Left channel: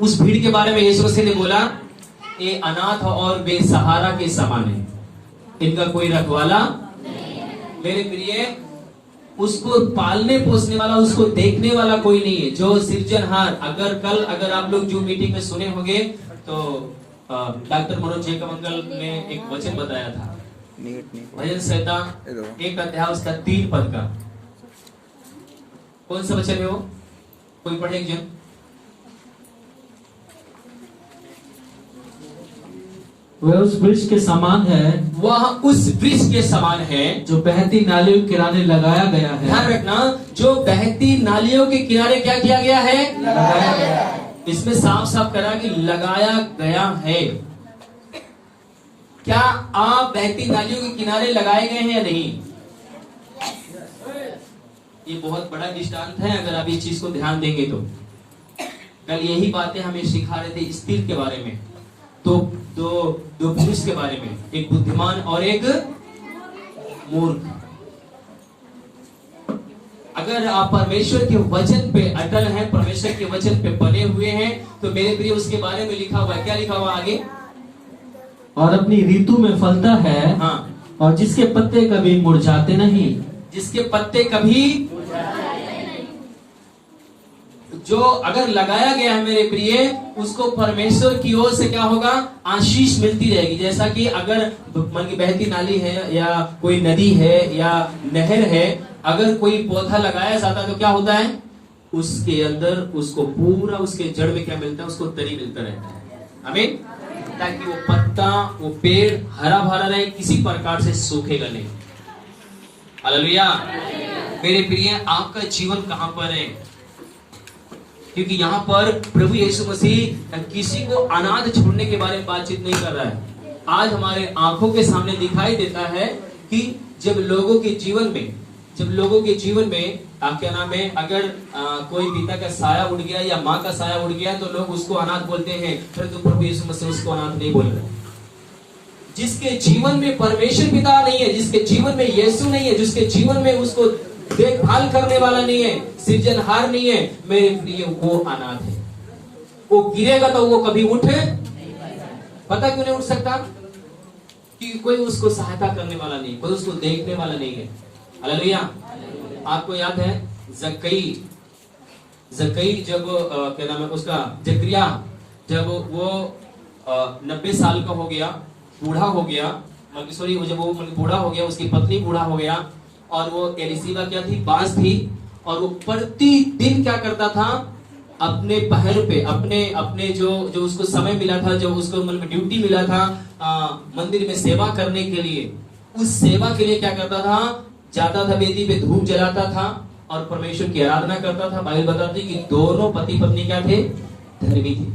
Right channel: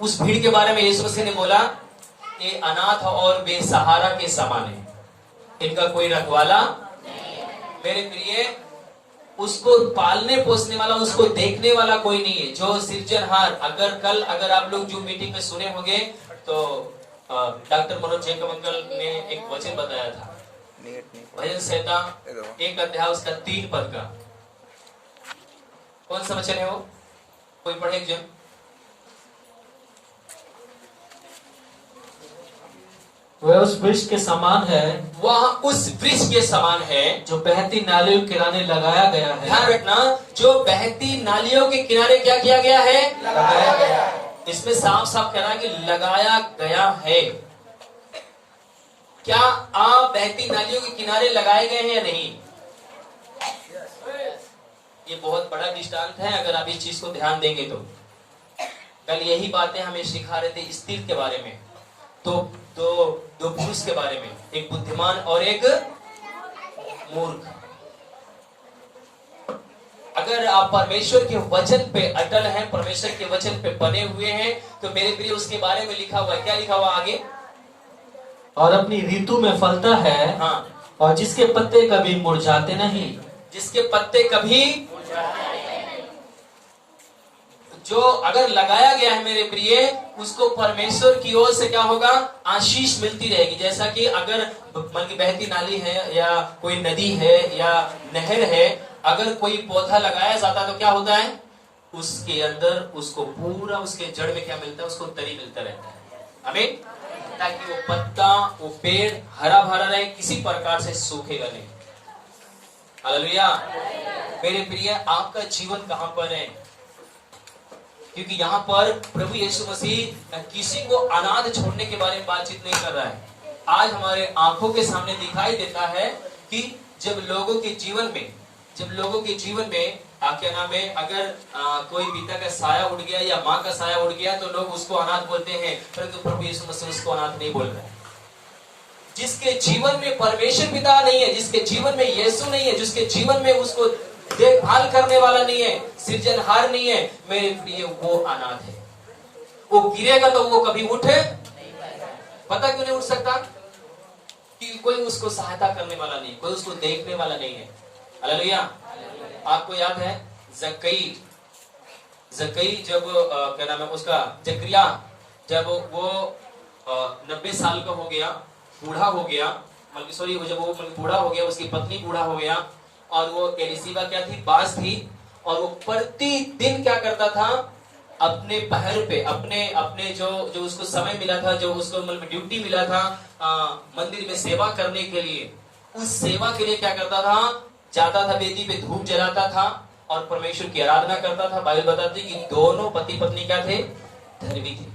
उस भीड़ के बारे में यीशु मसीह ने बोला, ये अनाथ और बेसहारा के समान है, इनका कोई रखवाला मेरे प्रिय, उसको पालने पोसने वाला, उसको देखने वाला कोई नहीं है। जो सृजनहार, अगर आप लोग जो मीटिंग में सुने होंगे तो डॉक्टर मनोज जैकब अंकल ने एक वचन बताया था, भजन संहिता 1 अध्याय उसका 3 पद का। कौन सा वचन है वो? कोई पढ़े एक जन? वह उस वृक्ष के समान है, वह उस वृक्ष के समान है जो बहती नालियों के किनारे लगाया गया है। ध्यान रखना, जो बहती नालियों के किनारे क्या किया गया है? लगाया गया है। इसमें साफ साफ करा कि लगाया गया है। क्या आप बहती नालियों के किनारे लगाए गए हैं या नहीं? ये बहुत बड़ा दृष्टांत है, अगर आप इस चीज को ध्यान देंगे तो। कल यही बातें हमें सिखा रहे थे स्थिर के बारे में, तो दो पुरुष के बारे में, एक बुद्धिमान और एक मूर्ख। अगर आप परमेश्वर के वचन पे अटल हैं, परमेश्वर के वचन पे बने हुए हैं, तो मेरे प्रिय उसके बारे में लिखा हुआ है। क्या लिखा हुआ आगे? और अपनी ऋतु में फलता है, हाँ, और जिसके पत्ते कभी मुरझाते नहीं। जिसके पत्ते कभी, जो अगर लगाया गया है मेरे प्रिय, उसको परमेश्वर की ओर से क्या होगा? आशीष मिलती रहेगी। जैसा कि अगर मन की बहती नाली है या कोई नदी है या नहर है, अगर कोई पौधा लगाया जाता तो क्या होता है? उसके अंदर उसको पूरा, उसके जड़ में क्या मिलता है? उसको तरी मिलता रहता है। आमीन। ताकि वो पत्ता, वो पेड़ हरा भरा रहे, किसी प्रकार से सूखेगा नहीं। हालेलुया। मेरे प्रिय, आपका जीवन कहां पर है? क्योंकि यहाँ पर प्रभु यीशु मसीह किसी को अनाथ छोड़ने के बारे में बातचीत नहीं कर रहा है। आज हमारे आंखों के सामने दिखाई देता है कि जब लोगों के जीवन में क्या नाम है, अगर कोई पिता का साया उड़ गया या माँ का साया उड़ गया तो लोग उसको अनाथ बोलते हैं, परंतु प्रभु यीशु मसीह उसको अनाथ नहीं बोल रहे। जिसके जीवन में परमेश्वर पिता नहीं है, जिसके जीवन में यीशु नहीं है, जिसके जीवन में उसको देखभाल करने वाला नहीं है, सृजनहार नहीं है, मेरे प्रिय, वो अनाथ है। वो गिरेगा तो वो कभी उठे, पता क्यों नहीं उठ सकता? कि कोई उसको सहायता करने वाला नहीं, कोई उसको देखने वाला नहीं है। हालेलुया। आपको याद है जक्कई जब क्या नाम है उसका, जकरिया, जब वो 90 साल का हो गया, बूढ़ा हो गया, जब वो बूढ़ा हो गया, उसकी पत्नी बूढ़ा हो गया, और वो एलिसीबा क्या थी? बाज थी। और वो प्रतिदिन क्या करता था? अपने पहर पे, अपने जो उसको समय मिला था, जो उसको ड्यूटी मिला था मंदिर में सेवा करने के लिए, उस सेवा के लिए क्या करता था? जाता था, वेदी पे धूप जलाता था और परमेश्वर की आराधना करता था। बाइबल बताती है कि दोनों पति पत्नी क्या थे? धर्मी थे।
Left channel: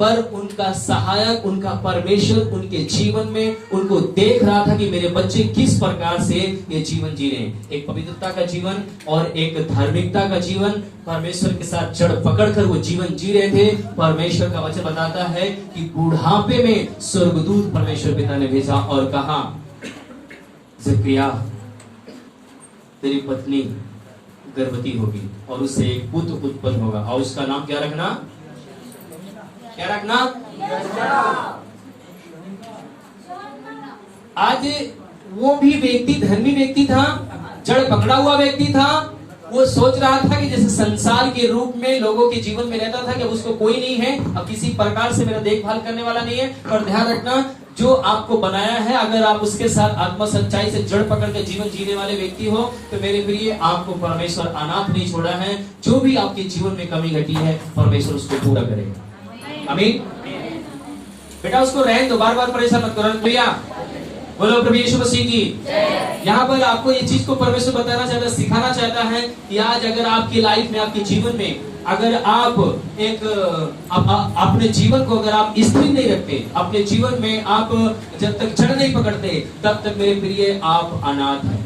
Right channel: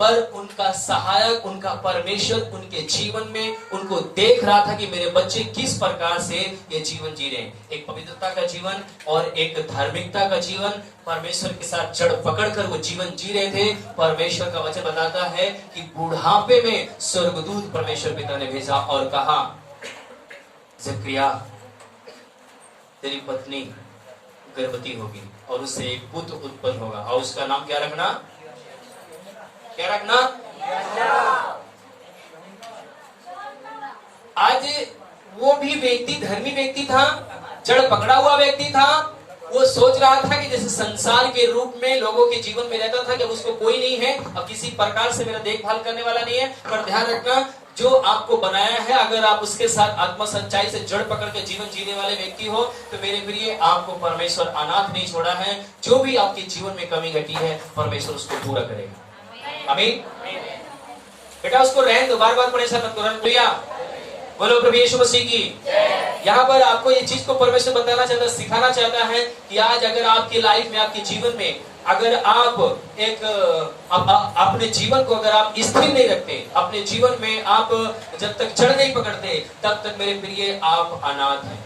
पर उनका सहायक, उनका परमेश्वर उनके जीवन में उनको देख रहा था कि मेरे बच्चे किस प्रकार से ये जीवन जी रहे हैं। एक पवित्रता का जीवन और एक धार्मिकता का जीवन, परमेश्वर के साथ जड़ पकड़कर वो जीवन जी रहे थे। परमेश्वर का वचन बताता है कि बुढ़ापे में स्वर्गदूत परमेश्वर पिता ने भेजा और कहा, जकरिया, तेरी पत्नी गर्भवती होगी और उससे एक पुत्र उत्पन्न होगा, और उसका नाम क्या रखना? क्या रखना? आज वो भी व्यक्ति धर्मी व्यक्ति था, जड़ पकड़ा हुआ व्यक्ति था। वो सोच रहा था कि जैसे संसार के रूप में लोगों के जीवन में रहता था कि अब उसको कोई नहीं है, अब किसी प्रकार से मेरा देखभाल करने वाला नहीं है। पर ध्यान रखना, जो आपको बनाया है, अगर आप उसके साथ आत्मा सच्चाई से जड़ पकड़ के जीवन जीने वाले व्यक्ति हो, तो मेरे प्रिय, आपको परमेश्वर अनाथ नहीं छोड़ा है। जो भी आपके जीवन में कमी घटी है, परमेश्वर उसको पूरा करेगा। आमीन। बेटा, उसको रहने दो, बार बार परेशान मत करो। हालेलुया। बोलो प्रभु यीशु मसीह की। यहाँ पर आपको ये चीज को परमेश्वर बताना चाहता है, सिखाना चाहता है कि आज अगर आपकी लाइफ में, आपके जीवन में, अगर आप अपने जीवन को अगर आप स्थिर नहीं रखते, अपने जीवन में आप जब तक जड़ नहीं पकड़ते, तब तक मेरे प्रिय आप अनाथ हैं।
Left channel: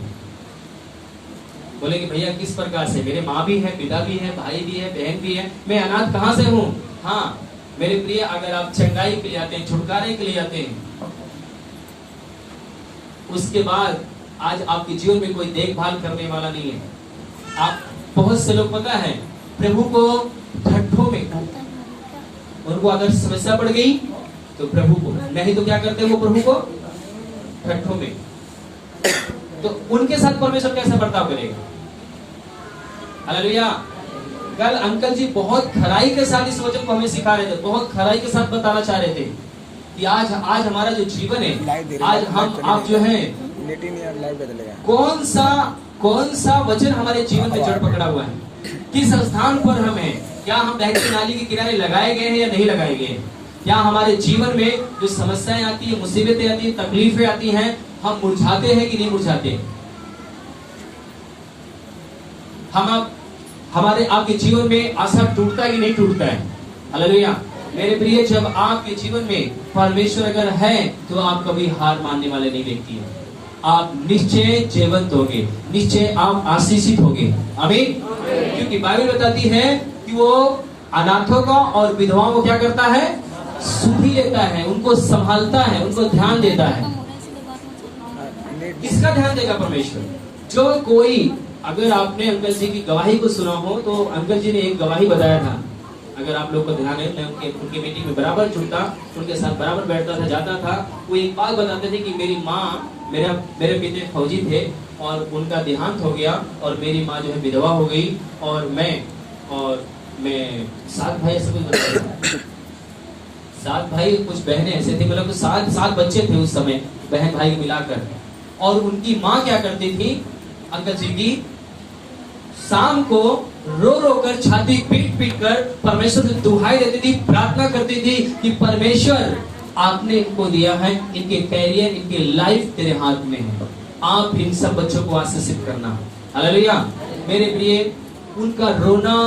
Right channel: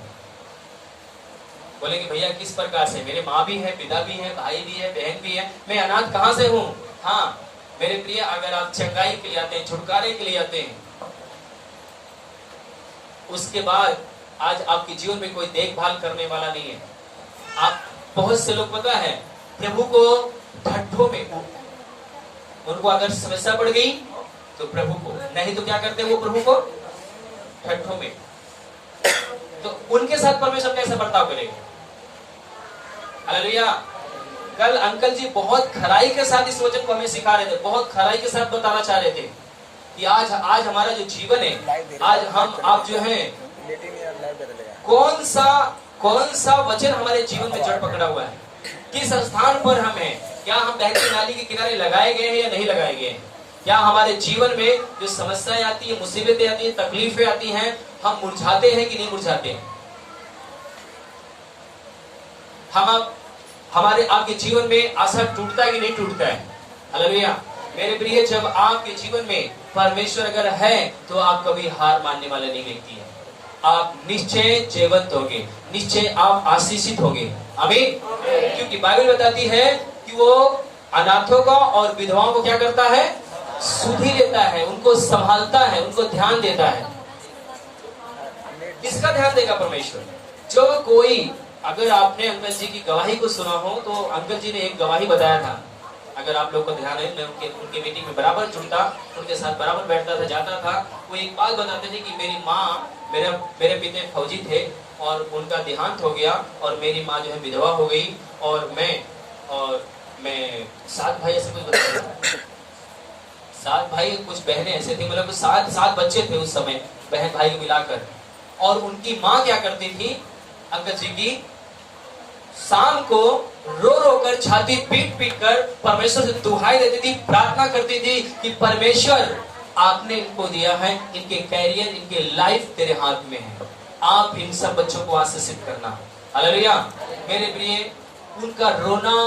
बोले कि भैया किस प्रकार से? मेरे माँ भी है, पिता भी है, भाई भी है, बहन भी है, मैं अनाथ कहाँ से हूँ? हाँ मेरे प्रिय, अगर आप चंगाई के लिए आते हैं, छुटकारे के लिए आते हैं, उसके बाद आज आपके जीवन में कोई देखभाल करने वाला नहीं है, आप बहुत से लोग पता है प्रभु को ठट्ठों में, उनको अगर समस्या पड़ गई तो प्रभु को, नहीं तो क्या करते वो प्रभु को ठट्ठों में। तो उनके साथ परमेश्वर कैसा बर्ताव करेगा? हालेलुया। कल अंकल जी बहुत खराई के साथ इस वचन को हमें सिखा रहे थे, बहुत खराई के साथ बताना चाह रहे थे कि आज हमारा जो जीवन है, आज हम आप जो हैं, कौन सा वचन हमारे जीवन में जड़ पकड़ा हुआ है, किस स्थान पर हम हैं, क्या हम बहती नाली के किनारे लगाए गए हैं या नहीं लगाए गए हैं, क्या हमारे जीवन में जो समस्याएं आती है, मुसीबतें आती है, तकलीफें आती हैं, हम मुरझाते हैं कि नहीं मुरझाते हैं? हमारे आपके जीवन में आशा टूटता है कि नहीं टूटता है? हालेलुया। मेरे प्रिय, जब आपके जीवन में परमेश्वर अगर है तो आप कभी हार मानने वाले नहीं व्यक्ति हैं। आप निश्चय जीवंत होगे, निश्चय आप आशीषित होगे। आमीन। क्योंकि बाइबल बताती है कि वो अनाथों का और विधवाओं को क्या करता है? सुधि लेता है, उनको संभालता है, उनको ध्यान देता है। किसका ध्यान देगा परमेश्वर? जो कोई, अगर आपने अंकल जी की गवाही को सुना हो तो अंकल जी ने एक गवाही बताया था, अगर आप लोग को ध्यान है, मैं उनके मीटिंग में बराबर जुड़ता, उनके साथ बराबर बैठता था, जाता था। वो एक बात बताते थे कि मेरी माँ, मेरे पिता फौजी थे और उनका देहांत हो गया और मेरी माँ जो है विधवा हो गई और मैं 7 भाई ऐसे कुछ 7 भाई, कुछ बहनें ऐसे थी, मतलब 7 बच्चे थे उस समय, बहन भाई मिलाकर। और उनकी माँ क्या करती थी अंकल जी की, शाम को रो रो कर, छाती पीट कर परमेश्वर से दुहाई देती थी, प्रार्थना करती थी कि परमेश्वर आपने इनको दिया है, इनके कैरियर, इनके लाइफ तेरे हाथ में है, आप इन सब बच्चों को आशीषित करना। हालेलुया। मेरे प्रिय, उनका रोना,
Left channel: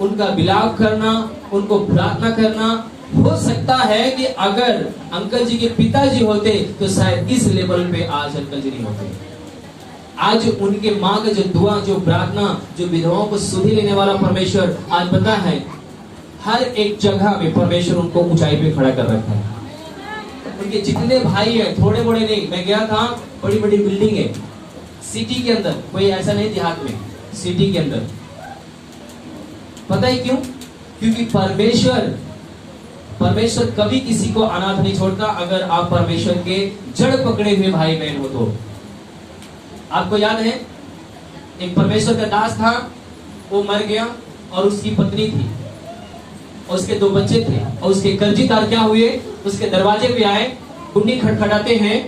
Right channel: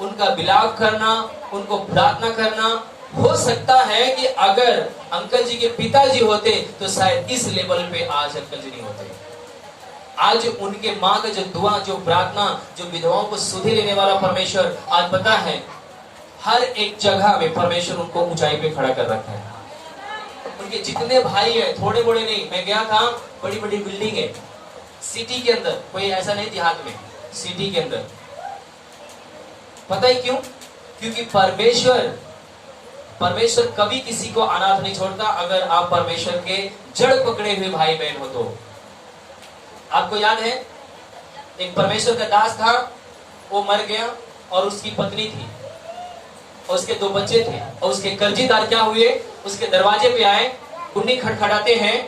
उनका विलाप करना, उनको प्रार्थना करना, हो सकता है कि अगर अंकल जी के पिताजी होते तो शायद इस लेवल पे आज अंकल जी नहीं होते। आज उनके माँ का जो दुआ, जो प्रार्थना, जो विधवाओं को सुधि लेने वाला परमेश्वर, आज पता है हर एक जगह में परमेश्वर उनको ऊंचाई पे खड़ा कर रखा है। उनके जितने भाई है, थोड़े बड़े नहीं, मैं गया था, बड़ी बड़ी बिल्डिंग है सिटी के अंदर, कोई ऐसा नहीं देहात में, सिटी के अंदर। पता ही क्यों? क्योंकि परमेश्वर कभी किसी को अनाथ नहीं छोड़ता अगर आप परमेश्वर के जड़ पकड़े हुए भाई बहन हो तो। आपको याद है, एक परमेश्वर का दास था, वो मर गया और उसकी पत्नी थी और उसके 2 बच्चे थे, और उसके कर्जीदार क्या हुए, उसके दरवाजे पे आए, कुंडी खटखटाते हैं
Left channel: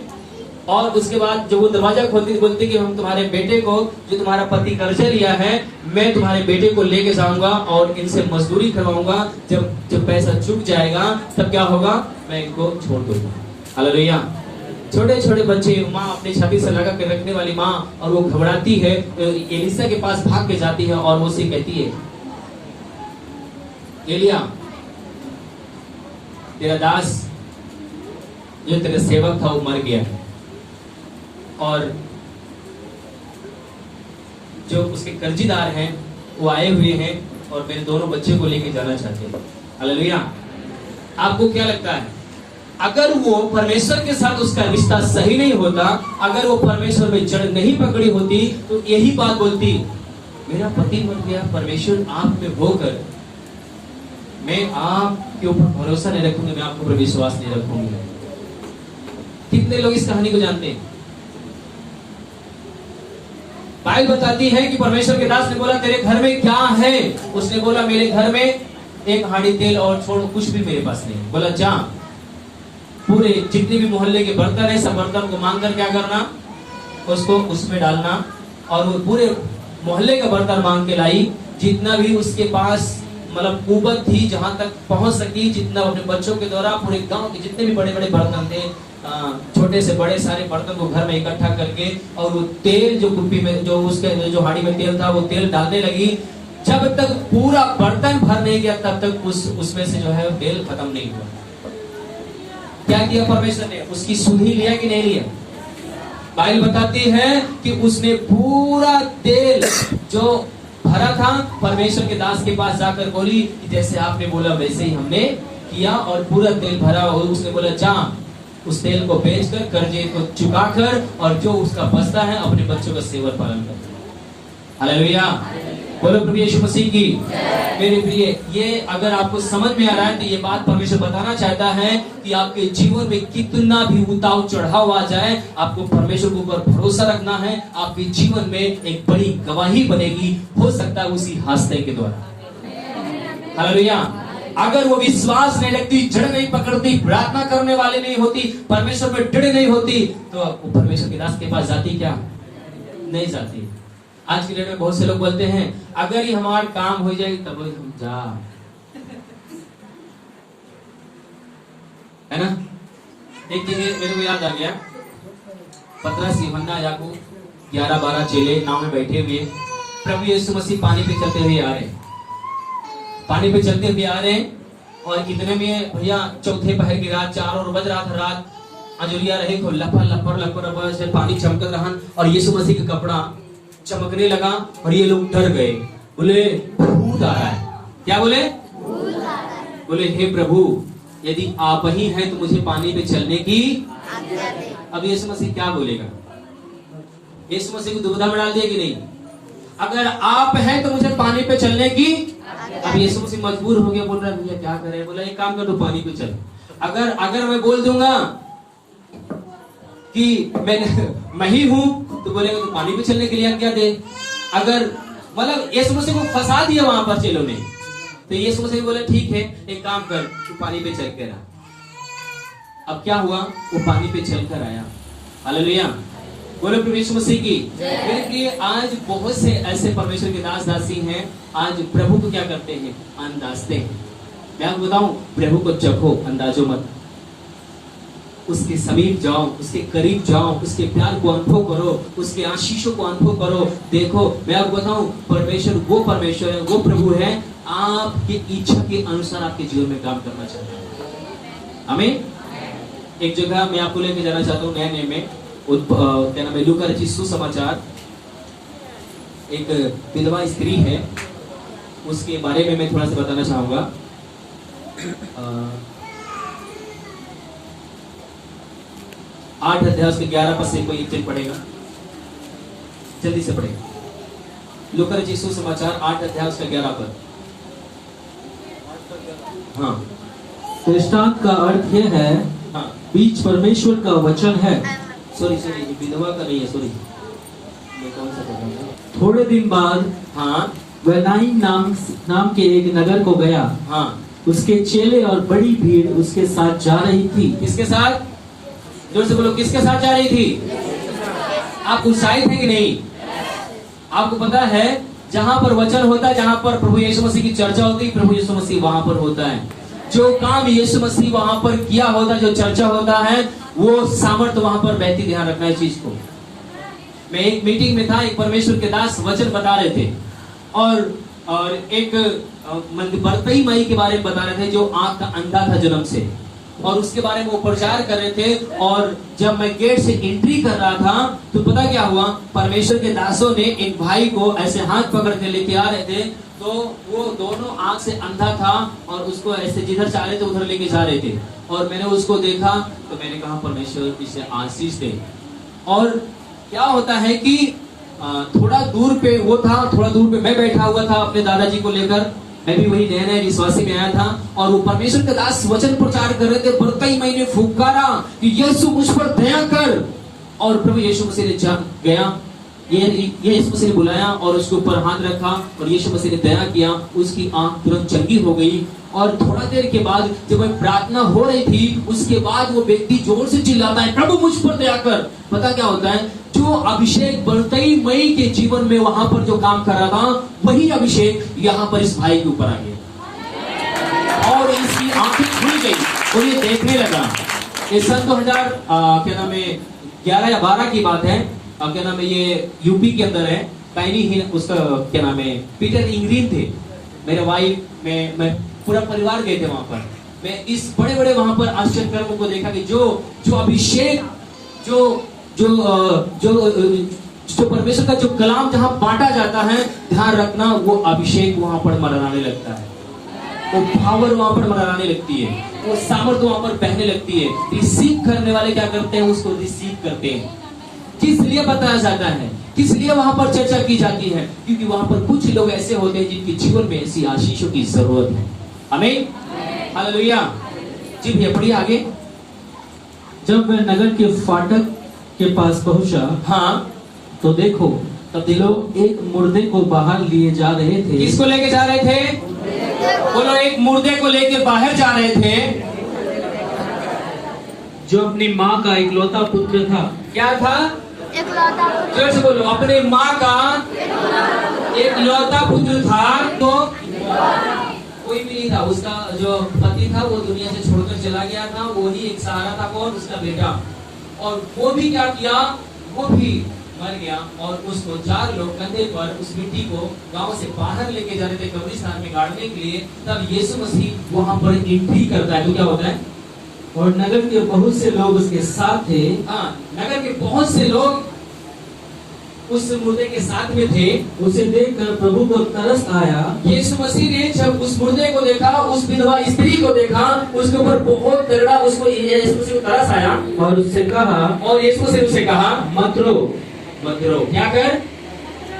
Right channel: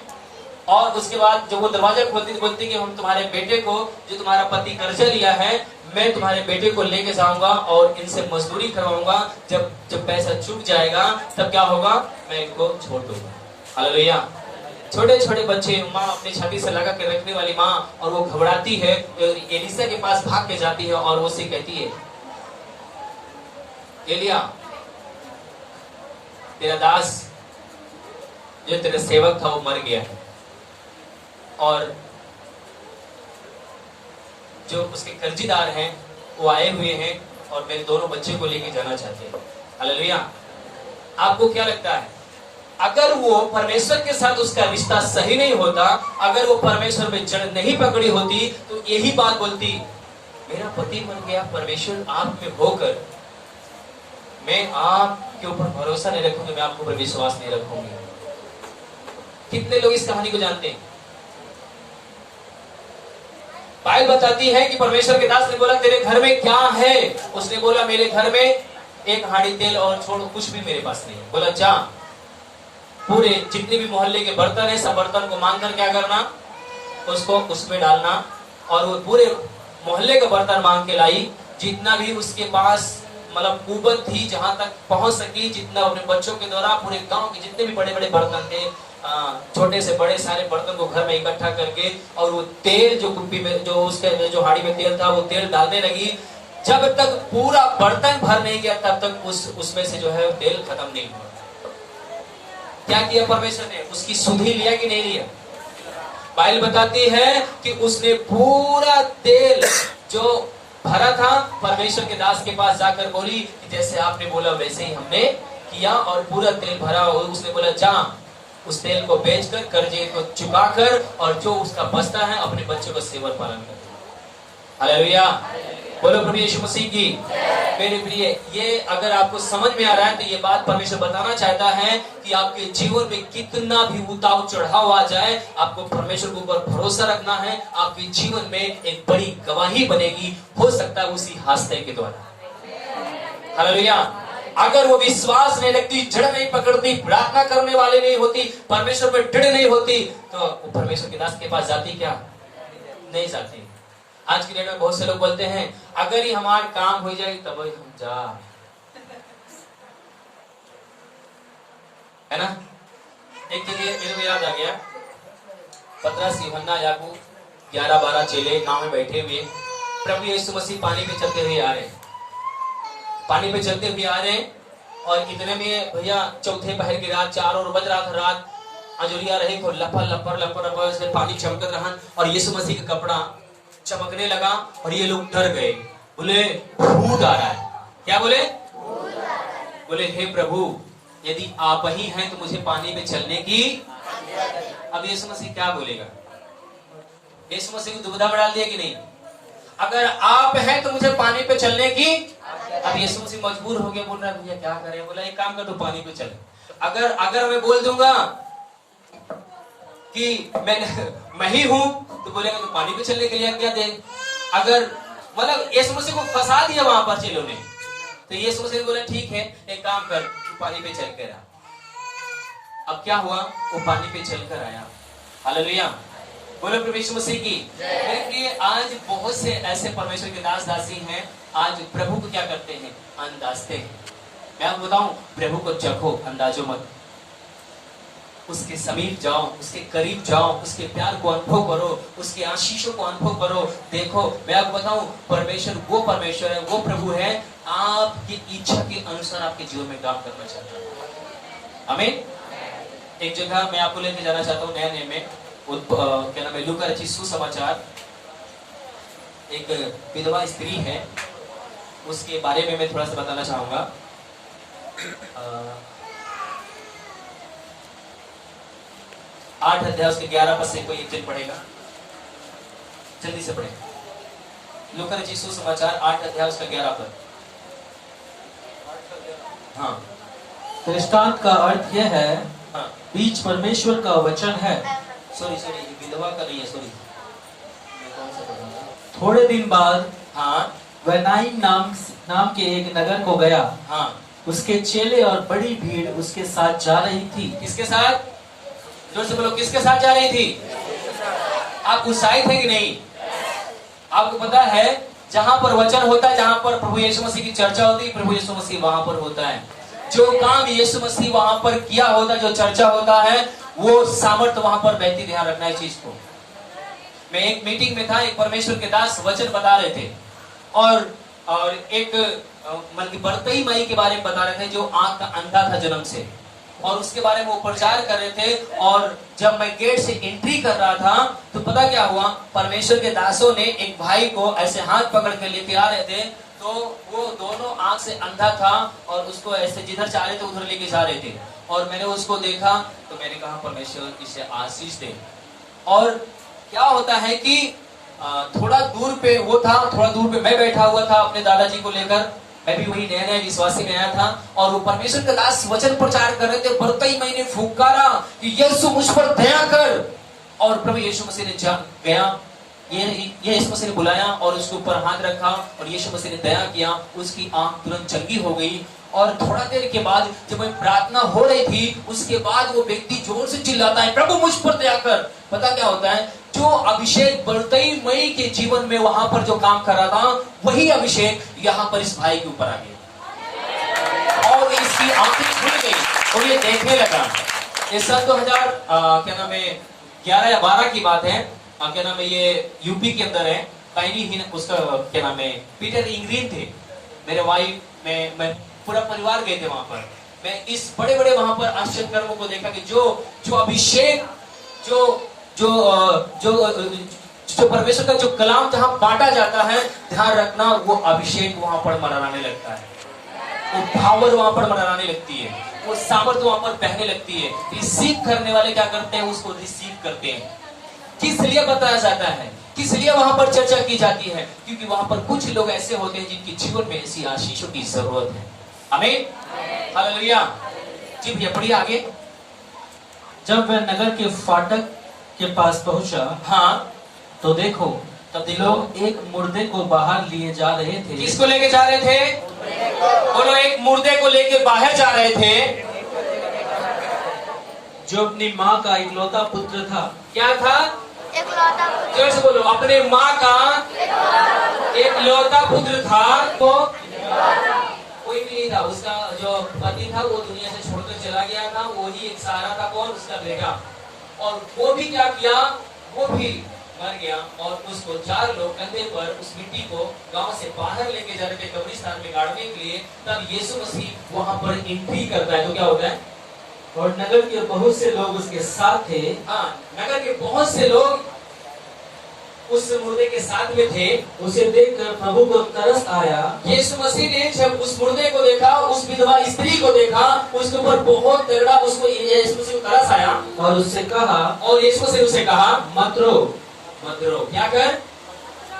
और उसके बाद जब वो दरवाजा खोलते बोलते कि हम तुम्हारे बेटे को, जो तुम्हारा पति कर्जा लिया है, मैं तुम्हारे बेटे को लेके जाऊंगा और इनसे मजदूरी करवाऊंगा, जब पैसा चुक जाएगा तब क्या होगा, मैं इनको छोड़ दूंगा। हालेलुया। छोटे छोटे बच्चे, माँ अपनी छाती से लगा के रखने वाली माँ, और वो घबराती है, एलिशा के पास भाग के जाती है और वो उसे कहती है, एलिया, तेरा दास जो तेरा सेवक था वो मर गया है और जो उसके कर्जीदार हैं वो आए हुए हैं और मेरे दोनों बच्चे को लेके जाना चाहते हैं। हालेलुया। आपको क्या लगता है, अगर वो परमेश्वर के साथ उसका रिश्ता सही नहीं होता, अगर वो परमेश्वर में जड़ नहीं पकड़ी होती तो यही बात बोलती, मेरा पति मर गया, परमेश्वर आप में होकर मैं आपके ऊपर भरोसा नहीं रखूंगी, मैं आपके ऊपर विश्वास नहीं रखूंगी। कितने लोग इस कहानी को जानते हैं? बाइबल बताती है कि परमेश्वर के दास ने बोला, तेरे घर में क्या है? उसने बोला, मेरे घर में एक हांडी तेल और छोड़ो, कुछ भी मेरे पास नहीं। बोला, जा पूरे जितने भी मोहल्ले के बर्तन है, सब बर्तन को मांग कर क्या करना, उसको उसमें डालना। और वो पूरे मोहल्ले का बर्तन मांग के लाई, जितना भी उसके पास मतलब कुवत थी, जहां तक पहुंच सकी, जितना अपने बच्चों के द्वारा पूरे गांव के जितने भी बड़े बड़े बर्तन थे, छोटे से बड़े सारे बर्तन को घर में इकट्ठा करके, और वो तेल जो कुप्पी में, जो उसके जो हाड़ी में तेल था, वो तेल डालने लगी। जब तक पूरा बर्तन भर नहीं गया तब तक उसमें से जो है तेल खत्म नहीं हुआ। क्या किया परमेश्वर ने? उसकी सुधि लिया कि नहीं लिया? बाइबल बताती है कि उसने पूरा तेल जो भरा था, परमेश्वर के दास के पास जाकर बोली कि जैसे आपने बोला वैसे ही हमने किया, और पूरा तेल भरा। और उसने बोला, जा उस तेल को बेचकर, कर्जे को चुकाकर, और जो उसका बचता है अपने बच्चों का सेवा पालन कर। हालेलुया, बोलो प्रभु यीशु मसीह की। मेरे प्रिय, ये अगर आपको समझ में आ रहा है तो ये बात परमेश्वर बताना चाहता है कि आपके जीवन में कितना भी उतार चढ़ाव आ जाए, आपको परमेश्वर के ऊपर भरोसा रखना है। आपके जीवन में एक बड़ी गवाही बनेगी, हो सकता है उसी हादसे के द्वारा। हालेलुया। अगर वो विश्वास नहीं रखती, जड़ नहीं पकड़ती, प्रार्थना करने वाले नहीं होती, परमेश्वर पे दृढ़ नहीं होती, तो वो परमेश्वर के दास के पास जाती क्या? नहीं जाती। आज की डेट में बहुत से लोग बोलते हैं अगर ही हमारा काम हो जाए तब हम जा, है ना। एक जगह मेरे को याद आ गया, पतरस, यूहन्ना, याकूब 11-12 चेले नाव में बैठे हुए, प्रभु यीशु मसीह पानी पे चलते हुए आ रहे, पानी पे चलते हुए आ रहे, और इतने में भैया चौथे पहर की रात, 4 और बज रहा था, रात अजुरिया रहे को लपर से पानी चमक रहा, और यीशु मसीह का कपड़ा चमकने लगा, और ये लोग डर गए, बोले भूत आ रहा है। क्या बोले? बोले हे प्रभु, यदि आप ही हैं तो मुझे पानी पे चलने की। अब यीशु मसीह क्या बोलेगा? यीशु मसीह को दुविधा में डाल दिया कि नहीं? अगर आप हैं तो मुझे पानी पे चलने की। अब यीशु मसीह मजबूर हो गया, बोल रहा है भैया क्या करें? बोला एक काम कर, तू पानी पे चल। अगर मैं बोल दूंगा कि मैं ही हूं तो बोलेगा तो पानी पे चलने के लिए क्या दे। अगर मतलब यीशु मसीह को फंसा दिया वहां पर चेलों ने, तो यीशु मसीह बोला ठीक है, एक काम कर, तू पानी पे चल कर आ। अब क्या हुआ? वो पानी पे चल कर आया। हालेलुया, बोलो प्रभु यीशु मसीह की। मेरे प्रिय, आज बहुत से ऐसे परमेश्वर के दास दासी हैं, आज प्रभु को क्या करते हैं? अंदाजते हैं। मैं आपको बताऊं, प्रभु को चखो, अंदाजो मत। उसके समीप जाओ, उसके करीब जाओ, उसके प्यार को अनुभव करो, उसके आशीषों को अनुभव करो। देखो, मैं आपको बताऊं, परमेश्वर है, वो प्रभु है, आपकी इच्छा के अनुसार आपके जीवन में काम करना चाहता है। आमीन। एक जगह मैं आपको लेके जाना चाहता हूँ, नए में क्या नाम है, लूका रचित सुसमाचार। एक विधवा स्त्री है, उसके बारे में मैं थोड़ा सा बताना चाहूंगा। 8 अध्याय उसके 11 पद से कोई एक पढ़ेगा, जल्दी से पढ़ेगा। लूका रचित सुसमाचार 8 अध्याय उसका 11 पद। हाँ, दृष्टांत का अर्थ यह है, हाँ, बीज परमेश्वर का वचन है। सॉरी, विधवा का नहीं है, सॉरी, मैं कौन सा पढ़ रहा था? थोड़े दिन बाद हाँ, वह नाइन नाम के एक नगर को गया। हाँ, उसके चेले और बड़ी भीड़ उसके साथ जा रही थी। किसके साथ? जोर से बोलो, किसके साथ जा रही थी? आप उत्साहित हैं कि नहीं? आपको पता है, जहां पर वचन होता है, जहां पर प्रभु यीशु मसीह की चर्चा होती है, प्रभु यीशु मसीह वहां पर होता है। जो काम यीशु मसीह वहां पर किया होता है, जो चर्चा होता है, वो सामर्थ्य वहां पर बहती। ध्यान रखना इस चीज को। मैं एक मीटिंग में था, एक परमेश्वर के दास वचन बता रहे थे, और एक बर्तई माई के बारे में बता रहे थे, जो आंख का अंधा था जन्म से, और उसके बारे में वो प्रचार कर रहे थे। और जब मैं गेट से एंट्री कर रहा था, तो पता क्या हुआ? परमेश्वर के दासों ने एक भाई को ऐसे हाथ पकड़ के लेके आ रहे थे, तो वो दोनों आंख से अंधा था, और उसको ऐसे जिधर चाह रहे थे उधर लेके जा रहे थे। और मैंने उसको देखा, तो मैंने कहा परमेश्वर इसे आशीष दे। और क्या होता है कि थोड़ा दूर पे वो था, थोड़ा दूर पे मैं बैठा हुआ था अपने दादाजी को लेकर। मैं भी वही नया विश्वासी में आया था, और वो परमेश्वर के दास वचन प्रचार कर रहे थे। बरकई मैंने फुकारा कि यीशु मुझ पर दया कर, और प्रभु यीशु मसीह ने गया, ये यीशु मसीह ने बुलाया और उसके ऊपर हाथ रखा, और यीशु मसीह ने दया किया, उसकी आंख तुरंत चंगी हो गई। और थोड़ा देर के बाद जब मैं प्रार्थना हो रही थी, उसके बाद वो व्यक्ति जोर से चिल्लाता है, प्रभु मुझ पर दया कर। पता क्या होता है? जो अभिषेक बरतई मई के जीवन में वहां पर जो काम कर रहा था, वही अभिषेक यहाँ पर इस भाई के ऊपर आ गया, और इसकी आंखें खुल गई, और ये देखने लगा। ये सन 2000 क्या नाम है 11 या 12 की बात है। क्या नाम है, ये यूपी के अंदर है, पैनी ही उसका क्या नाम है, पीटर इंग्रीन थे। मेरे वाइफ, मैं पूरा परिवार गए थे वहां पर। मैं इस बड़े बड़े वहां पर आश्चर्य कर्मों को देखा कि जो अभिषेक, जो परमेश्वर का जो कलाम जहां बांटा जाता है, ध्यान रखना, वो अभिषेक वहां पर मरनाने लगता है, वो पावर वहां पर मरनाने लगती है, वो सामर्थ्य वहां पर बहने लगती है। रिसीव करने वाले क्या करते हैं? उसको रिसीव करते हैं। किस लिए बताया जाता है? किस लिए वहां पर चर्चा की जाती है? क्योंकि वहां पर कुछ लोग ऐसे होते हैं जिनके जीवन में ऐसी आशीषों की जरूरत है। आमीन, हालेलुया। जी भैया पढ़िए आगे। जब वह नगर के फाटक के पास पहुंचा, हाँ, तो देखो, तब लोग एक मुर्दे को बाहर लिए जा रहे थे। किसको लेके जा रहे थे? बोलो, एक मुर्दे को लेके बाहर जा रहे थे, जो अपनी माँ का इकलौता पुत्र था। क्या था? इकलौता जोर से बोलो, अपने माँ का एक लौता पुत्र था। तो कोई भी नहीं था, उसका जो पति था वो दुनिया से छोड़कर चला गया था, वो ही एक सहारा था। कौन? उसका बेटा। और वो भी क्या किया? वो भी मर गया। और उसको 4 लोग कंधे पर उस मिट्टी को गांव से बाहर लेके जा रहे थे कब्रिस्तान में गाड़ने के लिए। तब यीशु मसीह वहां पर एंट्री करता है। तो क्या होता है? और नगर के बहुत से लोग उसके साथ थे। हाँ, नगर के बहुत से लोग उस मुर्दे के साथ में थे। उसे देखकर प्रभु को तरस आया। यीशु मसीह ने जब उस मुर्दे को देखा, उस विधवा स्त्री को देखा, उसके ऊपर बहुत तगड़ा उसको यीशु मसीह को तरस आया। और उससे कहा, और यीशु मसीह उसे कहा, मत रो। मत रो। क्या कर?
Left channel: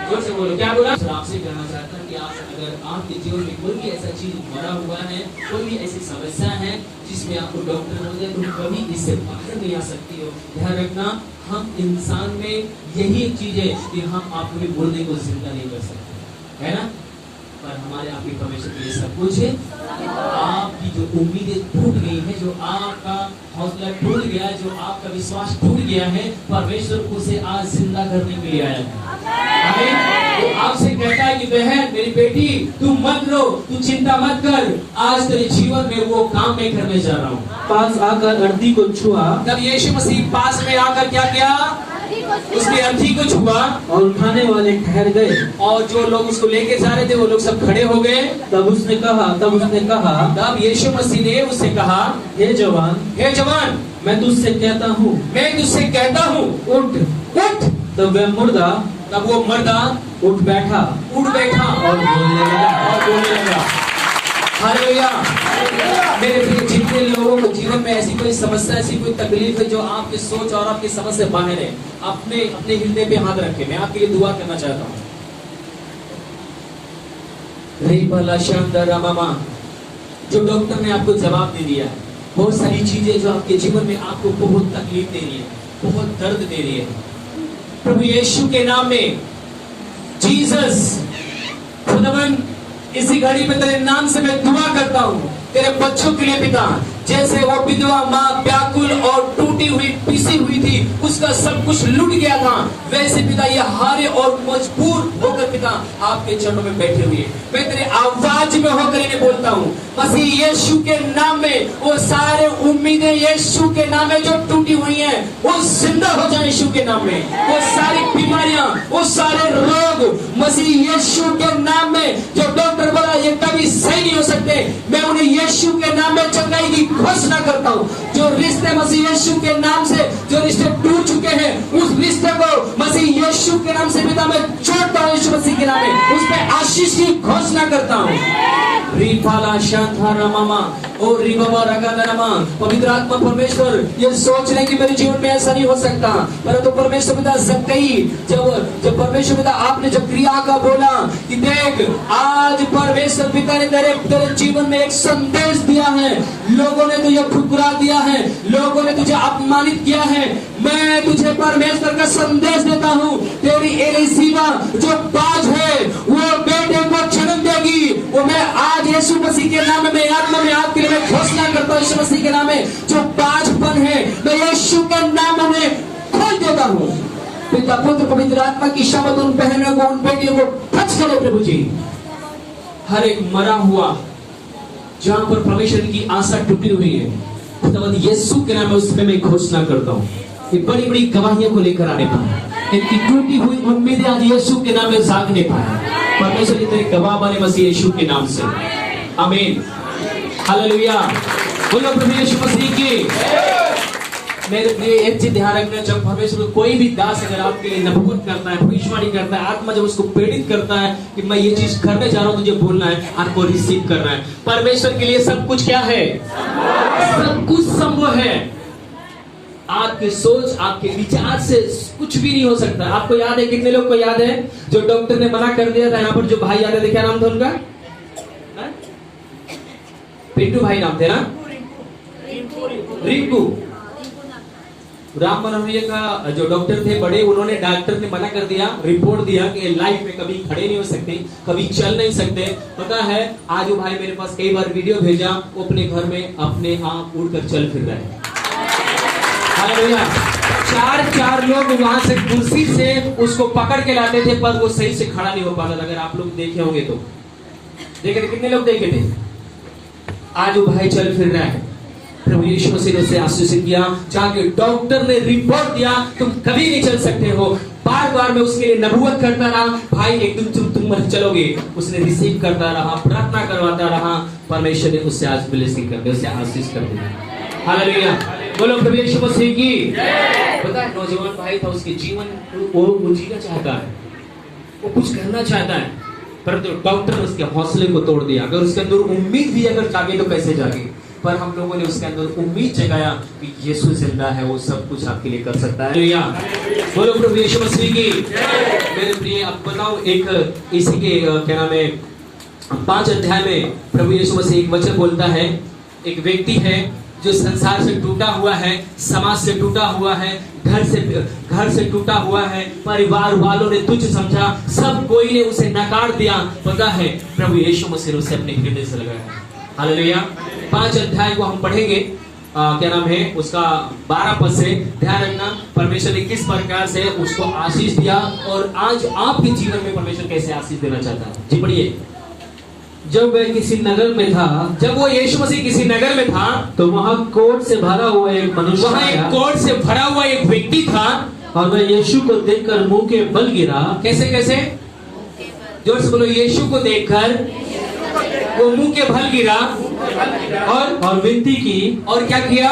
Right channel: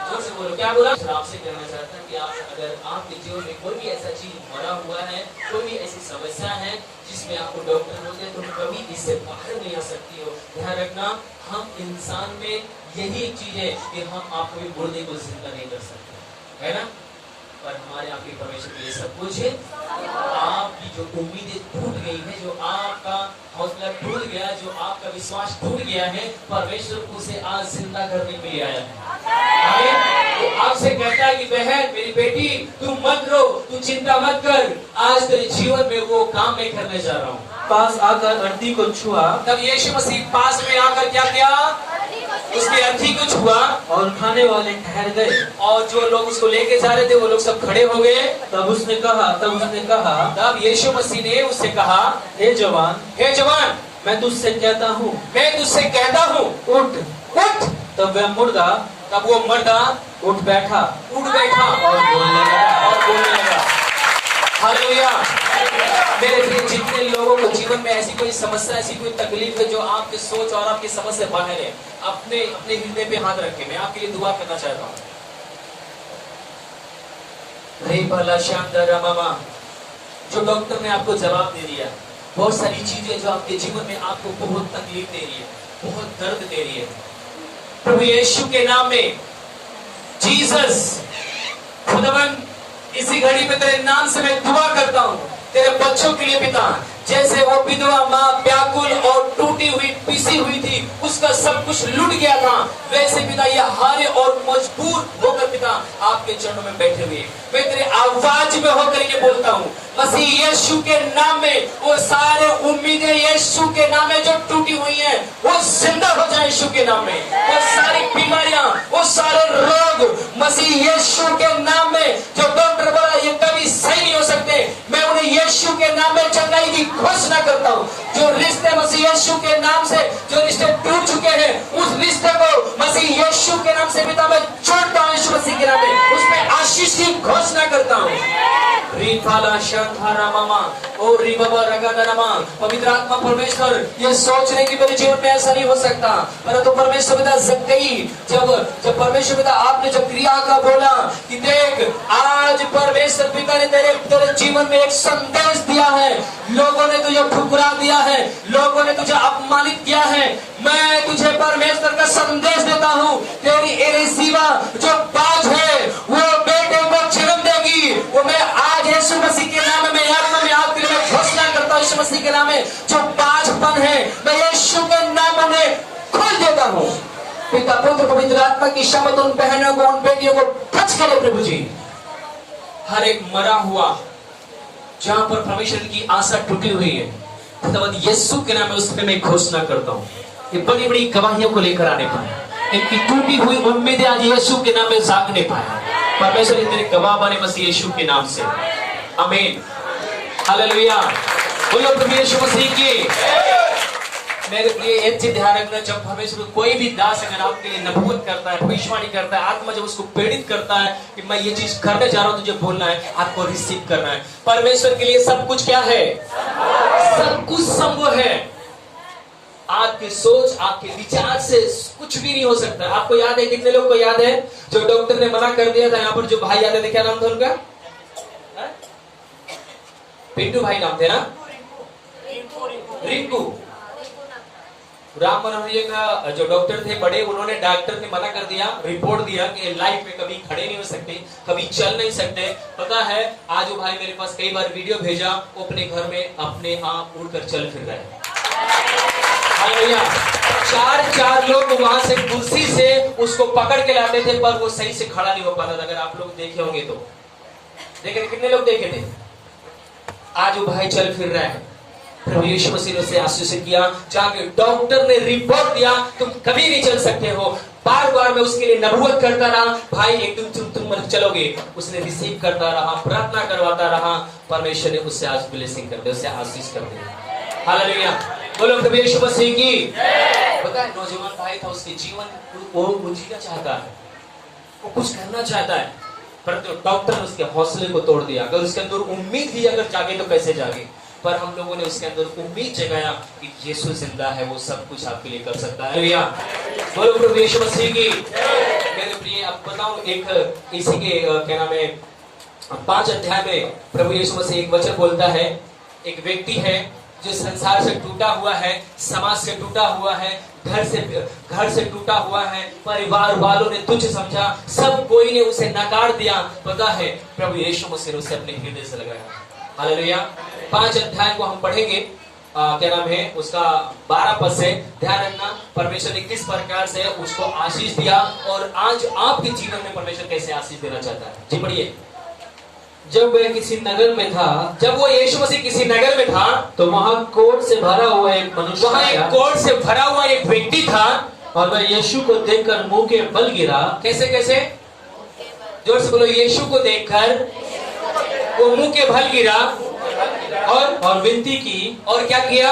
जोर से बोलो, क्या बोला? आपसे कहना चाहता कि आप अगर आपके जीवन में कोई भी ऐसा चीज मरा हुआ है, कोई भी ऐसी समस्या है जिसमें आपको डॉक्टर बोल जाए तो कभी इससे बाहर नहीं आ सकती हो, ध्यान रखना, हम इंसान में यही एक चीज है कि हम आपको भी मुर्दे को जिंदा नहीं कर सकते, है ना? पर हमारे आपके परमेश्वर के लिए सब कुछ है। आपकी जो उम्मीदें टूट गई है, जो आपका हौसला टूट गया, जो आपका विश्वास टूट गया है, परमेश्वर उसे आज जिंदा करने के लिए आया है। आमीन। वो आपसे कहता है कि बहन, मेरी बेटी, तू मत रो, तू चिंता मत कर, आज तेरे जीवन में वो काम मैं करने जा रहा हूँ। पास आकर अर्थी को छुआ। तब यीशु मसीह पास में आकर क्या किया? उसकी अर्थी को छुआ। और उठाने वाले ठहर गए। और जो लोग उसको लेके जा रहे थे वो लोग सब खड़े हो गए। तब उसने कहा तब यीशु मसीह ने उससे कहा, हे जवान, मैं तुझसे कहता हूँ, उठ। उठ। तब वह मुर्दा, तब वो मर्दा उठ बैठा और बोलने लगा। हालेलुया। मेरे प्रिय, जितने लोगों को जीवन में ऐसी कोई समस्या, ऐसी कोई तकलीफ है जो आपकी सोच और आपकी समझ से बाहर है, अपने हृदय पे हाथ रख के मैं आपके लिए दुआ करना चाहता हूँ। रे भला शानदार मामा, जो डॉक्टर ने आपको जवाब दे दिया, बहुत सारी चीजें जो आपके जीवन में आपको बहुत तकलीफ दे रही है, बहुत दर्द दे रही है, प्रभु यीशु के नाम में, जीसस, खुदावन, इसी घड़ी पे तेरे नाम से मैं दुआ करता हूँ तेरे बच्चों के लिए पिता। जैसे वो विधवा माँ व्याकुल और टूटी हुई, पिसी हुई थी, उसका सब कुछ लूट गया था, वैसे पिता ये हारे और मजबूर होकर पिता आपके चरणों में बैठे हुए, मैं तेरे आवाज में होकर इन्हें बोलता हूँ, मसीह यीशु के नाम में वो सारे उम्मीदें यीशु के नाम में जो टूटी हुई हैं, वो जिंदा हो जाए यीशु के नाम में। वो सारी बीमारियां, वो सारे रोग मसीह यीशु के नाम में, जो डॉक्टर बोला ये कभी सही नहीं हो सकते, मैं उन्हें यीशु के नाम में चंगाई की घोषणा करता हूँ। जो रिश्ते मसीह यीशु के नाम से, जो रिश्ते टूट चुके हैं, उस रिश्ते को मसीह यीशु के नाम से पिता मैं जोड़ता हूँ, यीशु मसीह के नाम में उस पर आशीष की घोषणा करता हूँ। पवित्र आत्मा परमेश्वर, ये सोच रहे कि मेरे जीवन में ऐसा नहीं हो सकता, परंतु परमेश्वर पिता सकते ही, जब परमेश्वर पिता आपने जब क्रिया का बोला कि देख, आज परमेश्वर पिता ने तेरे जीवन में एक संदेश दिया है, लोगों ने तुझे ठुकरा दिया है, लोगों ने तुझे अपमानित किया है, मैं तुझे परमेश्वर का संदेश देता हूँ, तेरी एलिसीबा जो बाज है वो बेटे को जन्म देगी। वो मैं आज यीशु मसीह के नाम में आत्मा में आपके लिए घोषणा करता हूँ, यीशु मसीह के नाम में जो बाजपन है मैं यीशु के नाम में खोल देता हूँ। पिता पुत्र पवित्र आत्मा की शपथ उन बहनों को, उन बेटियों को टच करे प्रभु जी। हर एक मरा हुआ जहां पर परमेश्वर की आशा टूटी हुई है, खुदावंद यीशु के नाम में उस पे मैं घोषणा करता हूँ, ये बड़ी बड़ी गवाहियों को लेकर आने पाए, इनकी टूटी हुई उम्मीदें आज यीशु के नाम में जागने पाए। परमेश्वर तेरे गवाह बने मसीह यीशु के नाम से, आमीन, हालेलुया। बोलो प्रभु यीशु मसीह की। मेरे प्रिय, एक चीज ध्यान रखना, जब परमेश्वर कोई भी दास अगर आपके लिए नबूवत करता है, भविष्यवाणी करता है, आत्मा जब उसको प्रेरित करता है कि मैं ये चीज करने जा रहा हूँ, तुझे बोलना है, आपको रिसीव करना है। परमेश्वर के लिए सब कुछ क्या है? सब कुछ संभव है। आपकी सोच, आपके विचार से कुछ भी नहीं हो सकता। आपको याद है, कितने लोग को याद है जो डॉक्टर ने मना कर दिया था? यहाँ पर जो भाई आते थे, क्या नाम था उनका? हाँ? पिंटू भाई नाम थे ना? रिंकू। राम मनोहरिया का जो डॉक्टर थे बड़े, उन्होंने, डॉक्टर ने मना कर दिया, रिपोर्ट दिया कि लाइफ में कभी खड़े नहीं हो सकते, कभी चल नहीं सकते। पता है आज वो भाई मेरे पास कई बार वीडियो भेजा, वो अपने घर में अपने आप उड़कर चल फिर रहे हैं। हालेलुया। चार लोग वहां से कुर्सी से उसको पकड़ के लाते थे, पर वो सही से खड़ा नहीं हो पाता था। अगर आप लोग देखे होंगे तो देखे थे, कितने लोग देखे थे? आज वो भाई चल फिर रहा है। प्रभु यीशु मसीह ने उसे आशीषित किया, जाके डॉक्टर ने रिपोर्ट दिया तुम कभी नहीं चल सकते हो। बार बार मैं उसके लिए नबूवत करता रहा, भाई एक दिन तुम मर चलोगे। उसने रिसीव करता रहा, प्रार्थना करवाता रहा। परमेश्वर ने उससे आज ब्लेसिंग कर दिया, उससे आशीष कर दिया। हालेलुया। बोलो प्रभु यीशु मसीह की। पता है नौजवान भाई था, उसके जीवन वो जीना चाहता है, वो कुछ करना चाहता है, परंतु डॉक्टर ने उसके हौसले को तोड़ दिया। अगर उसके अंदर उम्मीद भी अगर जागे तो कैसे जागे, पर हम लोगों ने उसके अंदर उम्मीद जगाया कि यीशु जिंदा है, वो सब कुछ आपके लिए कर सकता है। हालेलुया। बोलो प्रभु यीशु मसीह की। मेरे प्रिय, अब बताओ, एक इसी के क्या नाम है 5 अध्याय में प्रभु यीशु मसीह एक वचन बोलता है। एक व्यक्ति है जो संसार से टूटा हुआ है, समाज से टूटा हुआ है, घर से टूटा हुआ है, परिवार वालों ने तुच्छ समझा, सब कोई ने उसे नकार दिया। पता है प्रभु यीशु मसीह ने उसे अपने हृदय से लगाया। हालेलुया। 5 अध्याय को हम पढ़ेंगे, क्या नाम है उसका 12 पद से। ध्यान रखना परमेश्वर ने किस प्रकार से उसको आशीष दिया और आज आपके जीवन में परमेश्वर कैसे आशीष देना चाहता है। जी पढ़िए। जब वह किसी नगर में था, जब वो यीशु मसीह किसी नगर में था, तो वहां कोढ़ से भरा हुआ एक मनुष्य वहां एक आया, कोढ़ से भरा हुआ एक व्यक्ति था, और वह यीशु को देखकर मुंह के बल गिरा। कैसे कैसे? जोर से बोलो। यीशु को देखकर वो मुंह के बल गिरा और विनती की। और क्या किया?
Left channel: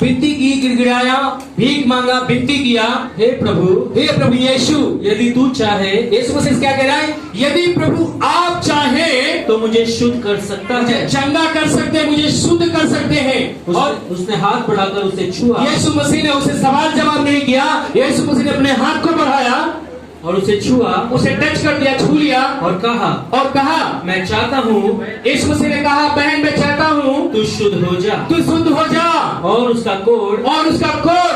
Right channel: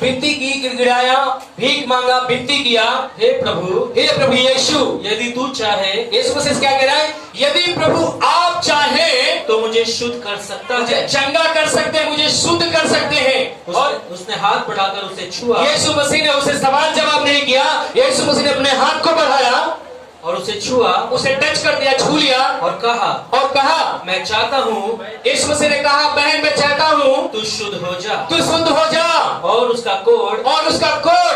विनती की, गिड़गिड़ाया, भीख मांगा, विनती किया, हे प्रभु यीशु, यदि तू चाहे। यीशु मसीह क्या कह रहा है? यदि प्रभु आप चाहे तो मुझे शुद्ध कर सकता मुझे है, चंगा कर सकते हैं, मुझे शुद्ध कर सकते हैं। और उसने हाथ बढ़ाकर उसे छुआ। यीशु मसीह ने उसे सवाल जवाब नहीं किया, यीशु मसीह ने अपने हाथ को बढ़ाया और उसे छुआ, उसे टच कर दिया, छू लिया और कहा मैं चाहता हूँ। यीशु मसीह ने कहा, बहन मैं चाहता हूँ तू शुद्ध हो जा, तू शुद्ध हो जा। और उसका कोढ़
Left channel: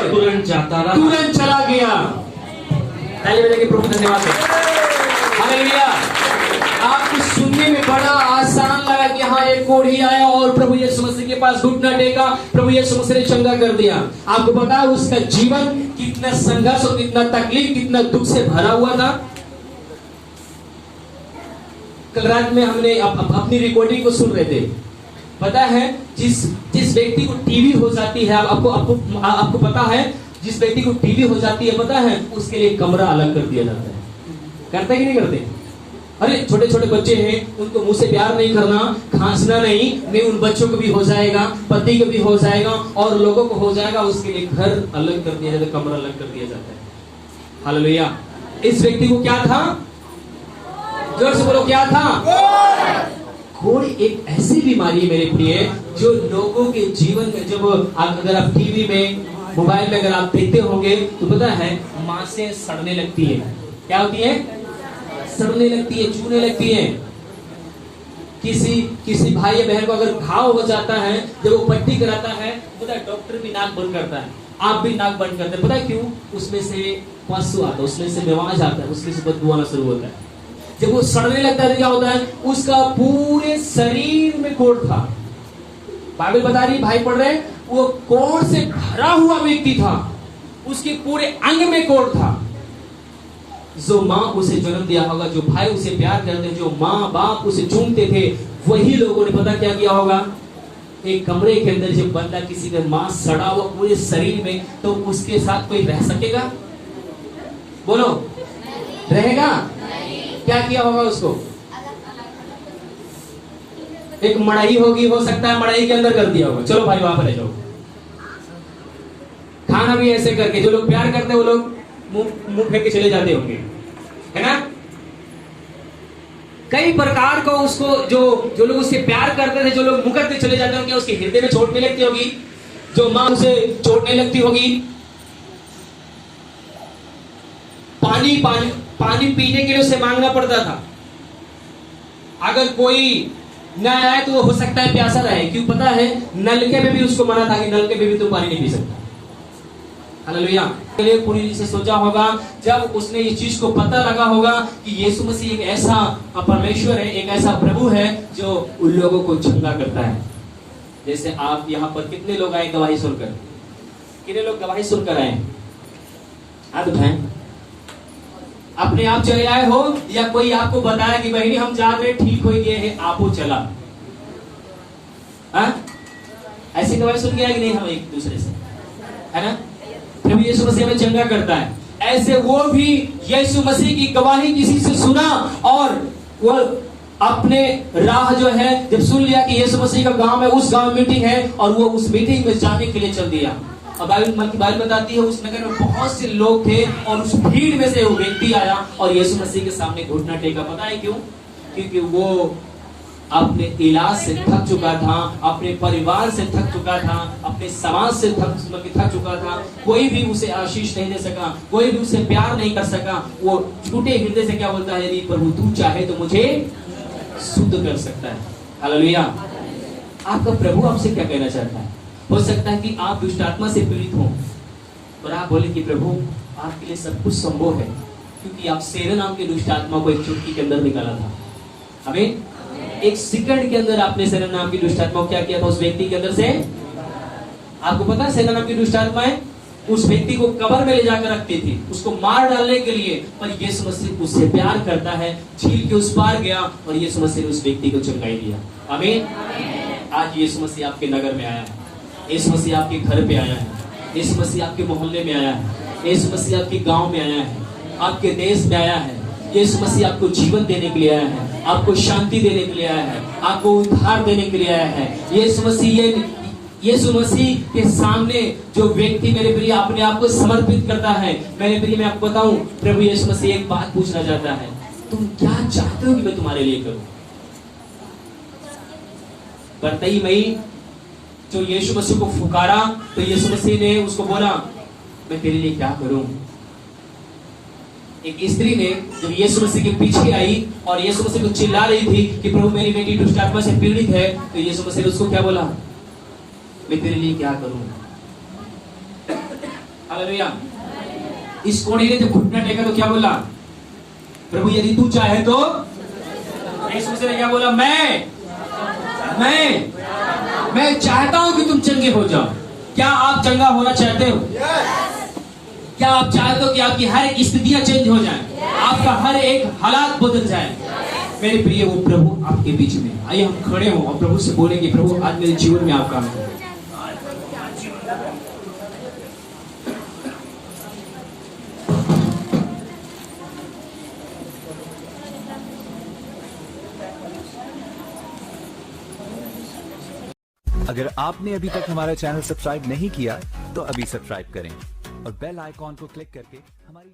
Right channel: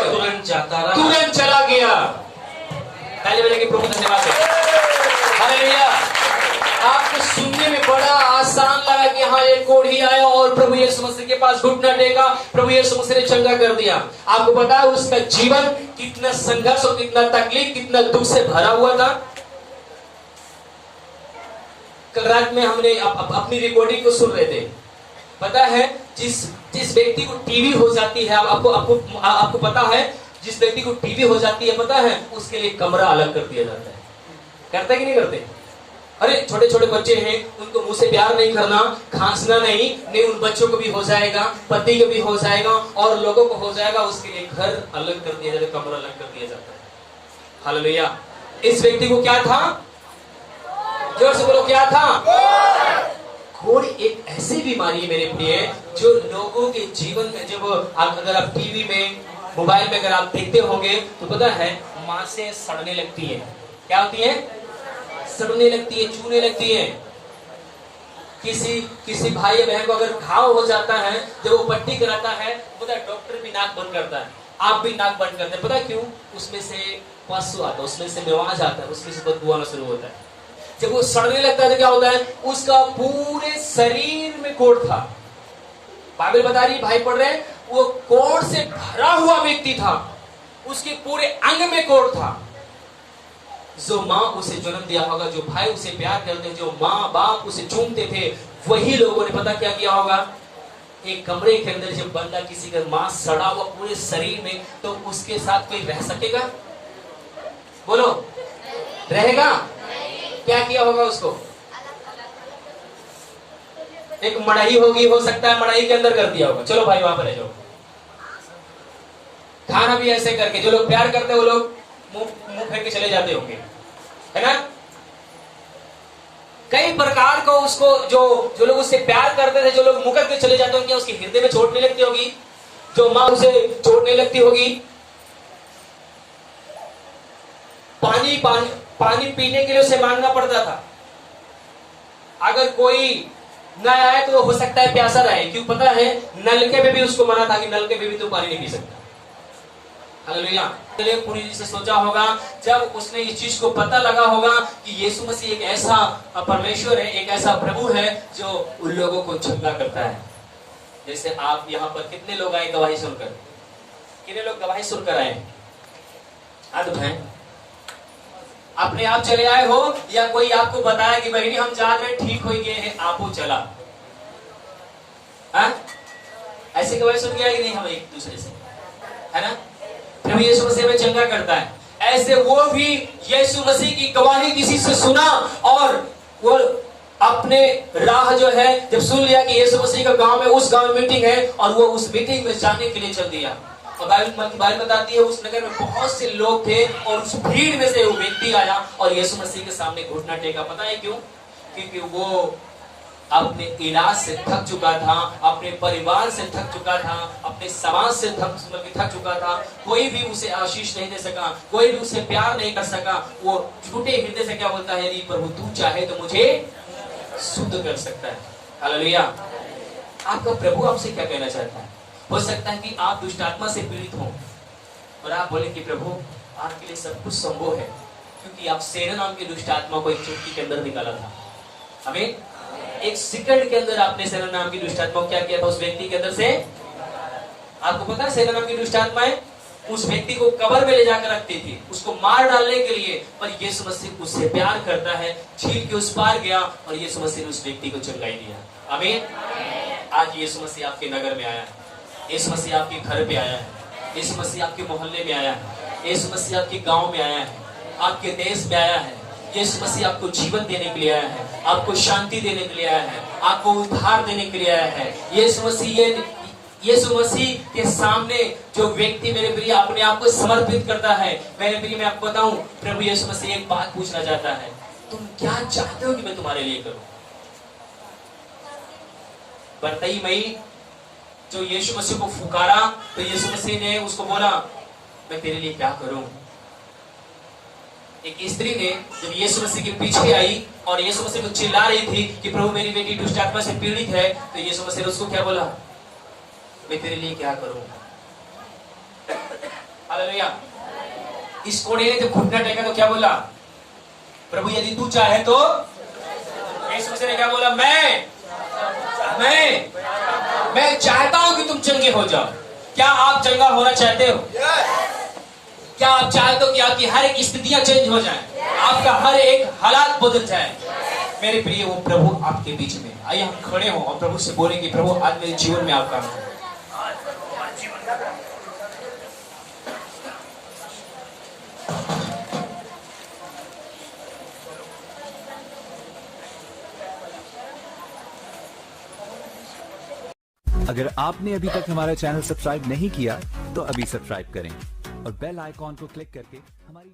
तुरंत जाता रहा, तुरंत चला गया। पहले बोले कि प्रभु धन्यवाद है। हालेलुया। आपको सुनने में बड़ा आसान लगा कि हाँ एक कोढ़ी आया और प्रभु यीशु मसीह के पास घुटना टेका, प्रभु यीशु मसीह ने चंगा कर दिया। आपको पता है उसका जीवन कितना संघर्ष और कितना तकलीफ, कितना दुख से भरा हुआ था। कल रात में हमने अपनी रिकॉर्डिंग को सुन रहे थे। पता है जिस व्यक्ति को टीबी हो जाती है, आपको पता है, जिस व्यक्ति को टीबी हो जाती है, पता है उसके लिए कमरा अलग कर दिया जाता है। करते कि नहीं करते? अरे छोटे छोटे बच्चे हैं, उनको मुंह से प्यार नहीं करना, खांसना नहीं, उन बच्चों को भी हो जाएगा, पति को भी हो जाएगा और लोगों को हो जाएगा। उसके लिए घर अलग कर दिया जाता है, कमरा अलग कर दिया जाता है। हालेलुया। इस व्यक्ति को क्या था? जोर से बोलो, क्या था? कोढ़ एक ऐसी बीमारी है मेरे प्रिय, जो लोगों के जीवन में, जब अगर आप टीवी में, मोबाइल में अगर आप देखते होंगे तो पता है मांसें सड़ने लगती है। क्या होती है? सड़ने लगती है, चूने लगती है। किसी भाई या बहन को अगर घाव हो जाता है, जब वो पट्टी कराता है, पता है डॉक्टर भी नाक बंद करता है, आप भी नाक बंद करते हैं। पता है क्यों? उसमें से पसु आता है, उसमें से मेवाज आता है, उसमें से बदबू आना शुरू होता है। जब वो सड़ने लगता है तो क्या होता है? उसका पूरे शरीर में कोढ़ था। बाइबल बता रही, भाई पढ़ रहे, वो कोढ़ से भरा हुआ व्यक्ति था, उसके पूरे अंग में कोढ़ था। जो माँ उसे जन्म दिया होगा, जो भाई उसे प्यार करते हैं, जो माँ बाप उसे चूमते थे, वही लोगों ने पता क्या किया होगा? एक कमरे के अंदर जब बंदा किसी का मांस सड़ा हुआ पूरे शरीर में, तो उसके साथ कोई रह सकेगा? बोलो, रहेगा? क्या किया होगा उसको? एक मड़ई होगी, हो सकता है मड़ई के अंदर कर दिया होगा, चलो भाई वहां पर रह जाओ। खाना भी ऐसे करके, जो लोग प्यार करते हैं वो लोग मुंह फेंक के चले जाते होंगे, है ना? कई प्रकार का उसको, जो लोग उससे प्यार करते थे, जो लोग मुकर के चले जाते होंगे, उसके हृदय में चोट नहीं लगती होगी। जो मां उसे छोड़ने लगती होगी। पानी पीने के लिए उसे मांगना पड़ता था। अगर कोई न आए तो हो सकता है प्यासा रहे, क्यों पता है, नलके में भी उसको मना था कि नलके में भी तुम पानी नहीं पी सकता। हालेलुया। पूरी रीति से सोचा होगा, जब उसने इस चीज को पता लगा होगा कि यीशु मसीह एक ऐसा परमेश्वर है, एक ऐसा प्रभु है जो उन लोगों को चंगा करता है। जैसे आप यहाँ पर कितने लोग आए गवाही सुनकर? कितने लोग गवाही सुनकर आए? हाथ उठाएं। अपने आप चले आए हो या कोई आपको बताया कि बहनी हम जा रहे ठीक हो गए हैं, आपो चला? ऐसे गवाही सुन के आए कि नहीं हम एक दूसरे से, है ना? प्रभु यीशु मसीह में चंगा करता है। ऐसे वो भी यीशु मसीह की गवाही किसी से सुना और वो अपने राह जो है जब सुन लिया कि यीशु मसीह का गांव में, उस गांव में मीटिंग है, और वो उस मीटिंग में जाने के लिए चल दिया। और बाइबल बताती है उस नगर में बहुत से लोग थे और उस भीड़ में से वो व्यक्ति आया और यीशु मसीह के सामने घुटना टेका। पता है क्यों? क्योंकि वो अपने इलाज से थक चुका था, अपने परिवार से थक चुका था, अपने समाज से थक चुका था। कोई भी उसे आशीष नहीं दे सका, कोई भी उसे प्यार नहीं कर सका। वो टूटे हृदय से क्या बोलता है, यदि प्रभु तू चाहे तो मुझे शुद्ध कर सकता है। हालेलुया। आपका प्रभु आपसे क्या कहना चाहता है? हो सकता है कि आप दुष्ट आत्मा से पीड़ित हो और आप बोले कि प्रभु आपके लिए सब कुछ संभव है, क्योंकि आप सेना नाम की दुष्ट आत्मा को एक चुटकी के अंदर निकाला था। हमें एक सेकंड के अंदर आपने सेना नाम की दुष्ट आत्मा को क्या किया था उस व्यक्ति के अंदर से? आपको पता है सेना नाम की दुष्ट आत्माएं उस व्यक्ति को कब्र में ले जाकर रखती थी, उसको मार डालने के लिए। पर यीशु मसीह उससे प्यार करता है, झील के उस पार गया और यीशु मसीह ने उस व्यक्ति को चंगाई दिया। आमीन। आज यीशु मसीह आपके नगर में आया है, यीशु मसीह आपके घर पे आया है, यीशु मसीह आपके मोहल्ले में आया है, यीशु मसीह आपके गांव में आया है, आपके देश में आया है। यीशु मसीह आपको जीवन देने के लिए आया है, आपको शांति देने के लिए आया है, आपको उद्धार देने के लिए आया है। यीशु मसीह के सामने जो व्यक्ति मेरे प्रिय अपने आप को समर्पित करता है, मेरे प्रिय मैं आपको बताऊं, प्रभु यीशु मसीह एक बात पूछना चाहता है, तुम क्या चाहते हो कि मैं तुम्हारे लिए करूं? बरतई मई जो यीशु मसीह को फुकारा तो यीशु मसीह ने उसको बोला, मैं तेरे लिए क्या करूं? एक स्त्री ने जब यीशु मसीह के पीछे आई और यीशु मसीह को चिल्ला रही थी कि प्रभु मेरी बेटी दुष्ट आत्मा से पीड़ित है, तो यीशु मसीह ने उसको क्या बोला? मैं तेरे लिए क्या करूं? हालेलुया। इस कोने ने जब घुटना टेका तो क्या बोला? प्रभु यदि तू चाहे तो। यीशु मसीह ने क्या बोला? मैं चाहता हूं कि तुम चंगे हो जाओ। क्या आप चंगा होना चाहते हो? क्या आप चाहते हो कि आपकी हर एक स्थितियां चेंज हो जाएं, आपका हर एक हालात बदल जाए? मेरे प्रिय वो प्रभु आपके बीच में। आइए हम खड़े हों और प्रभु से बोलेंगे, प्रभु आज मेरे जीवन में आप काम करें। अगर आपने अभी तक हमारा चैनल सब्सक्राइब नहीं किया तो अभी सब्सक्राइब करें और बेल आइकॉन को क्लिक करके हमारी